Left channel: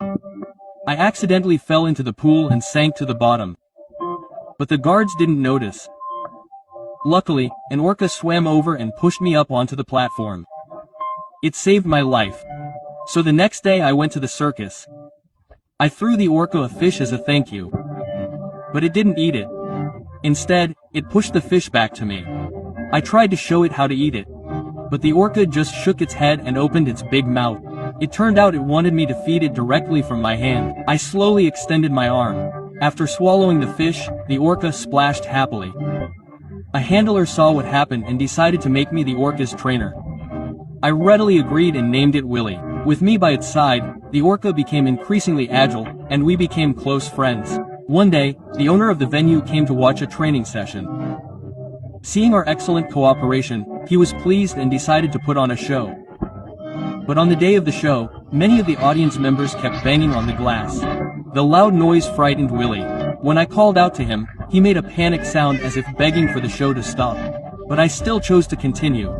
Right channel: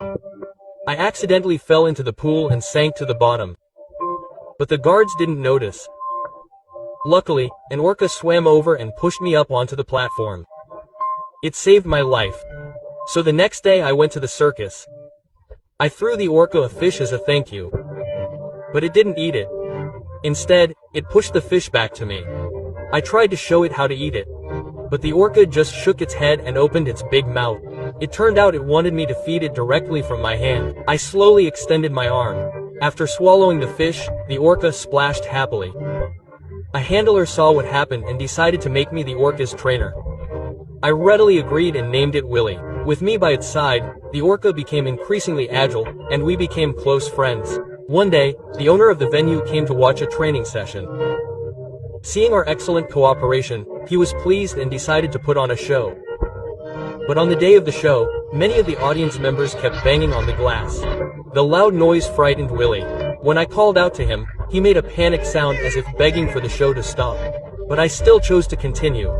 I accidentally fell into the pool and sank to the bottom. But the guards didn't notice. Luckily, an orca swam over and pushed me up onto the platform. It saved my life. So the next day I went to the circus. I threw the orca a fish as a thank you. But it didn't eat it. Instead, it pushed the fish back to me. I tried to show it how to eat it. But the orca just shook its head and opened its big mouth. It turned out it wanted me to feed it directly from my hand. I slowly extended my arm. After swallowing the fish, the orca splashed happily. A handler saw what happened and decided to make me the orca's trainer. I readily agreed and named it Willy. With me by its side, the orca became increasingly agile, and we became close friends. One day, the owner of the venue came to watch a training session. Seeing our excellent cooperation, he was pleased and decided to put on a show. But on the day of the show, many of the audience members kept banging on the glass. The loud noise frightened Willy. When I called out to him, he made a panicked sound as if begging for the show to stop. But I still chose to continue.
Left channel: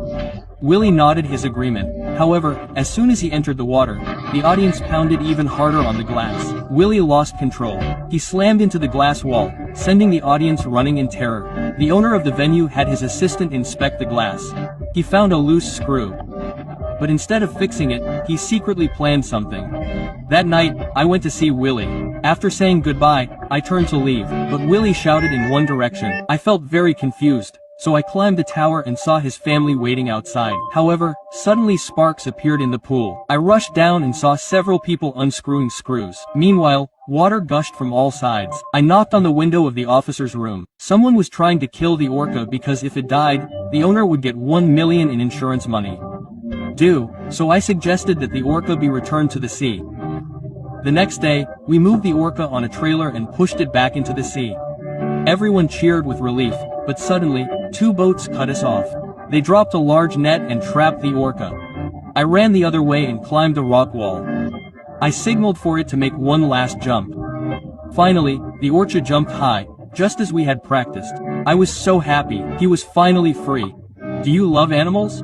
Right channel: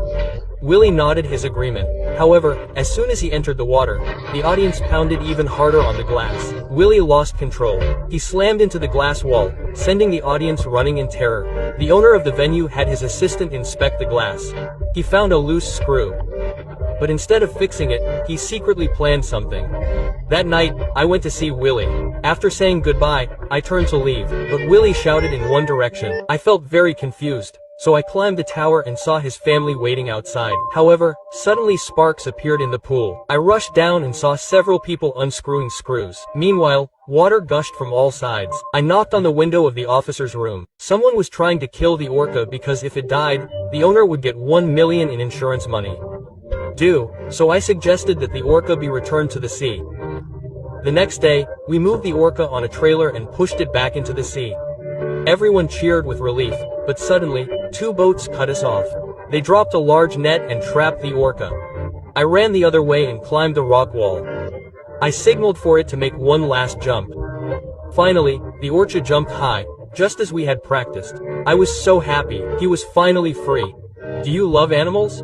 Willy nodded his agreement. However, as soon as he entered the water, the audience pounded even harder on the glass. Willy lost control. He slammed into the glass wall, sending the audience running in terror. The owner of the venue had his assistant inspect the glass. He found a loose screw. But instead of fixing it, he secretly planned something. That night, I went to see Willy. After saying goodbye, I turned to leave, but Willy shouted in one direction. I felt very confused. So I climbed the tower and saw his family waiting outside. However, suddenly sparks appeared in the pool. I rushed down and saw several people unscrewing screws. Meanwhile, water gushed from all sides. I knocked on the window of the officer's room. Someone was trying to kill the orca because if it died, the owner would get 1 million in insurance money. So I suggested that the orca be returned to the sea. The next day, we moved the orca on a trailer and pushed it back into the sea. Everyone cheered with relief, but suddenly, 2 boats cut us off. They dropped a large net and trapped the orca. I ran the other way and climbed the rock wall. I signaled for it to make one last jump. Finally, the orca jumped high, just as we had practiced. I was so happy, he was finally free. Do you love animals?